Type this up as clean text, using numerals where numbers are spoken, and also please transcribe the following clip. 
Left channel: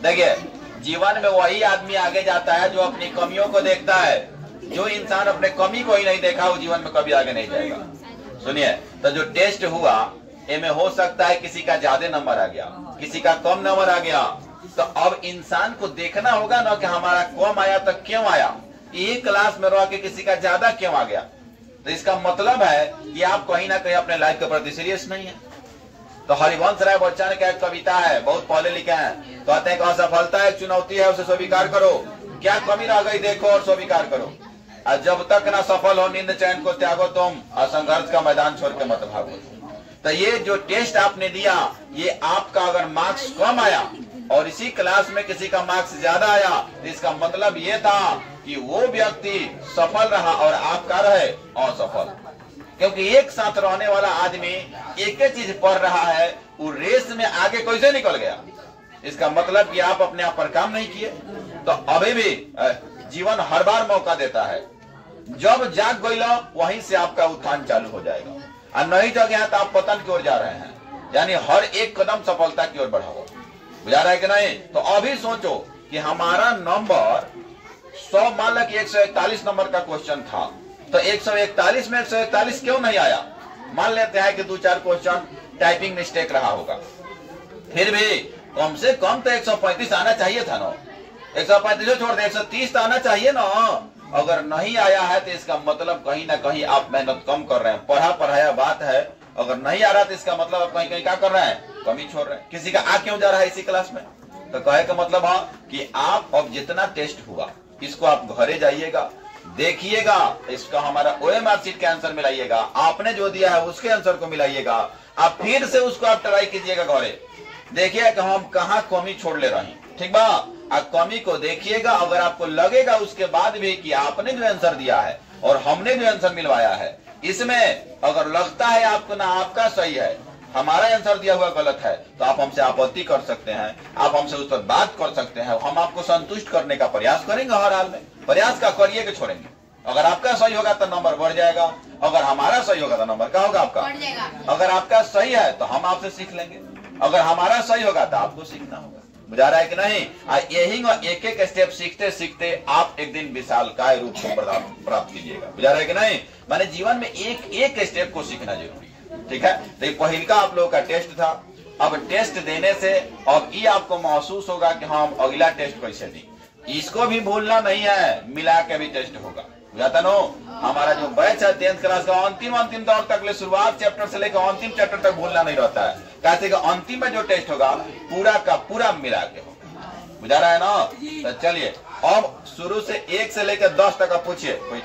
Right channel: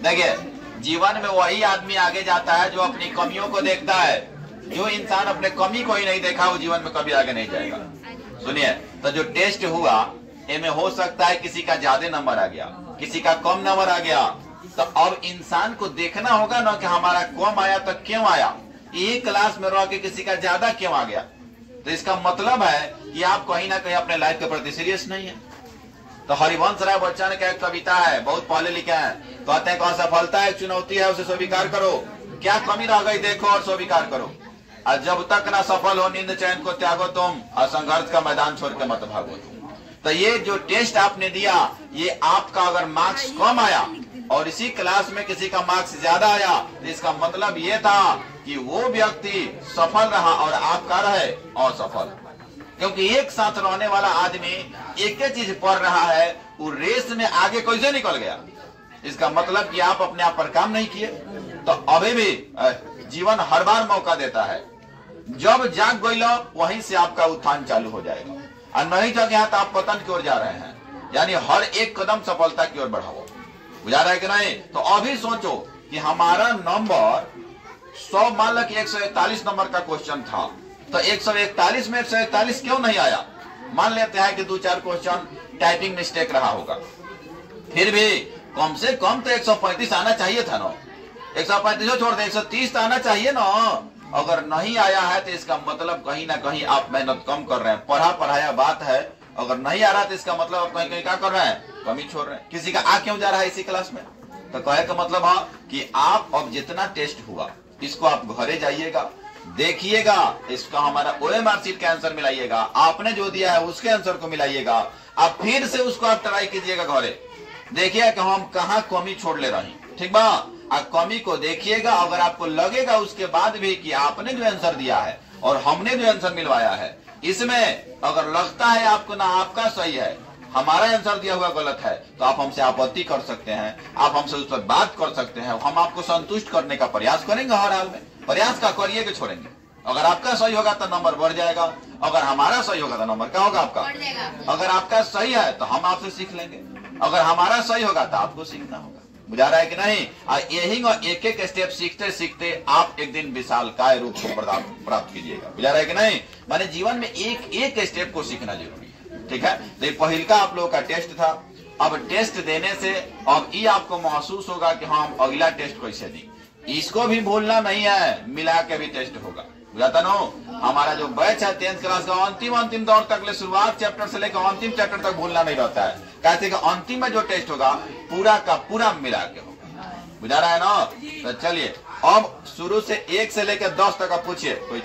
देखिए, जीवन में वही आदमी आगे जाता है जो अपनी कमियों को देखता है। जो इंसान अपने कमी को ही नहीं देखा वो जीवन में कभी आगे नहीं जाएगा। सुनिए, तो जो टेस्ट हुआ इनमें हो सकता है किसी का ज्यादा नंबर आ गया, किसी का कम नंबर आ गया। तो अब इंसान को देखना होगा ना कि हमारा कम आया तो क्यों आया, यही क्लास में रह के किसी का ज्यादा क्यों आ गया। तो इसका मतलब है कि आप कहीं ना कहीं अपने लाइफ के प्रति सीरियस नहीं है। तो हरिवंश राय बच्चन का एक कविता है, बहुत पढ़े लिखे हैं, कहते हैं कि असफलता एक चुनौती है, उसे स्वीकार करो, क्या कमी रह गई देखो और स्वीकार करो। और जब तक ना सफल हो नींद चैन को त्यागो तुम, और संघर्ष का मैदान छोड़ के मत भागो तुम। तो ये जो टेस्ट आपने दिया, ये आपका अगर मार्क्स कम आया और इसी क्लास में किसी का मार्क्स ज्यादा आया, तो इसका मतलब ये था कि वो व्यक्ति सफल रहा और आपका रहे असफल। क्योंकि एक साथ रहने वाला आदमी एक ही चीज पढ़ रहा है, वो रेस में आगे कैसे निकल गया, इसका मतलब कि आप अपने आप पर काम नहीं किए। तो अभी भी जीवन हर बार मौका देता है, जब जाग गई वहीं से आपका उत्थान चालू हो जाएगा, और नहीं जग गया तो आप पतन की ओर जा रहे हैं। यानी हर एक कदम सफलता की ओर बढ़ाओ, बुझा रहा है कि नहीं। तो अभी सोचो कि हमारा नंबर 100, मान लो कि 141 नंबर का क्वेश्चन था, तो 141 में 141 क्यों नहीं आया। मान लेते हैं कि 2-4 क्वेश्चन टाइपिंग मिस्टेक रहा होगा, फिर भी कम से कम तो 135 आना चाहिए था ना। 135 छोड़ दे, 130 तो आना चाहिए ना। अगर नहीं आया है तो इसका मतलब कहीं ना कहीं आप मेहनत कम कर रहे हैं, पढ़ा पढ़ाया बात है। अगर नहीं आ रहा तो इसका मतलब आप कहीं कहीं क्या कर रहे हैं, कमी छोड़ रहे हैं। किसी का आ क्यों जा रहा है इसी क्लास में, तो कहे का मतलब है कि आप अब जितना टेस्ट हुआ इसको आप घरे जाइएगा, देखिएगा, इसका हमारा OMR शीट के आंसर मिलाइएगा, आपने जो दिया है उसके आंसर को मिलाइएगा, आप फिर से उसको आप ट्राई कीजिएगा घरे, देखिएगा कि हम कहाँ कमी छोड़ ले रहे हैं, ठीक बा। आप कमी को देखिएगा, अगर आपको लगेगा उसके बाद भी कि आपने भी आंसर दिया है और हमने भी आंसर मिलवाया है, इसमें अगर लगता है आपको ना आपका सही है, हमारा आंसर दिया हुआ गलत है, तो आप हमसे आपत्ति कर सकते हैं, आप हमसे उस पर बात कर सकते हैं। हम आपको संतुष्ट करने का प्रयास करेंगे, हर हाल में प्रयास का करिए कि छोड़ेंगे। अगर आपका सही होगा तो नंबर बढ़ जाएगा, अगर हमारा सही होगा तो नंबर क्या होगा आपका। अगर आपका सही है तो हम आपसे सीख लेंगे, अगर हमारा सही होगा तो आपको सीखना होगा, बुझा रहा है कि नहीं। यही एक एक स्टेप सीखते सीखते आप एक दिन विशालकाय रूप को प्राप्त कीजिएगा, बुझा रहा है कि नहीं। माने जीवन में एक एक स्टेप को सीखना जरूरी है, ठीक है। तो ये पहिल का आप लोगों का टेस्ट था। अब टेस्ट देने से अब ये आपको महसूस होगा कि हम अगला टेस्ट कैसे दें, इसको भी भूलना नहीं है, मिला के भी टेस्ट होगा, बुझाता नो। हमारा जो बैच है 10th क्लास का अंतिम दौर तक ले, शुरुआत चैप्टर से लेकर अंतिम चैप्टर तक भूलना नहीं रहता है। कहते कि अंतिम में जो टेस्ट होगा पूरा का पूरा मिला के होगा, बुझा रहा है ना। तो चलिए अब शुरू से 1 से लेकर 10 तक आप पूछिए कोई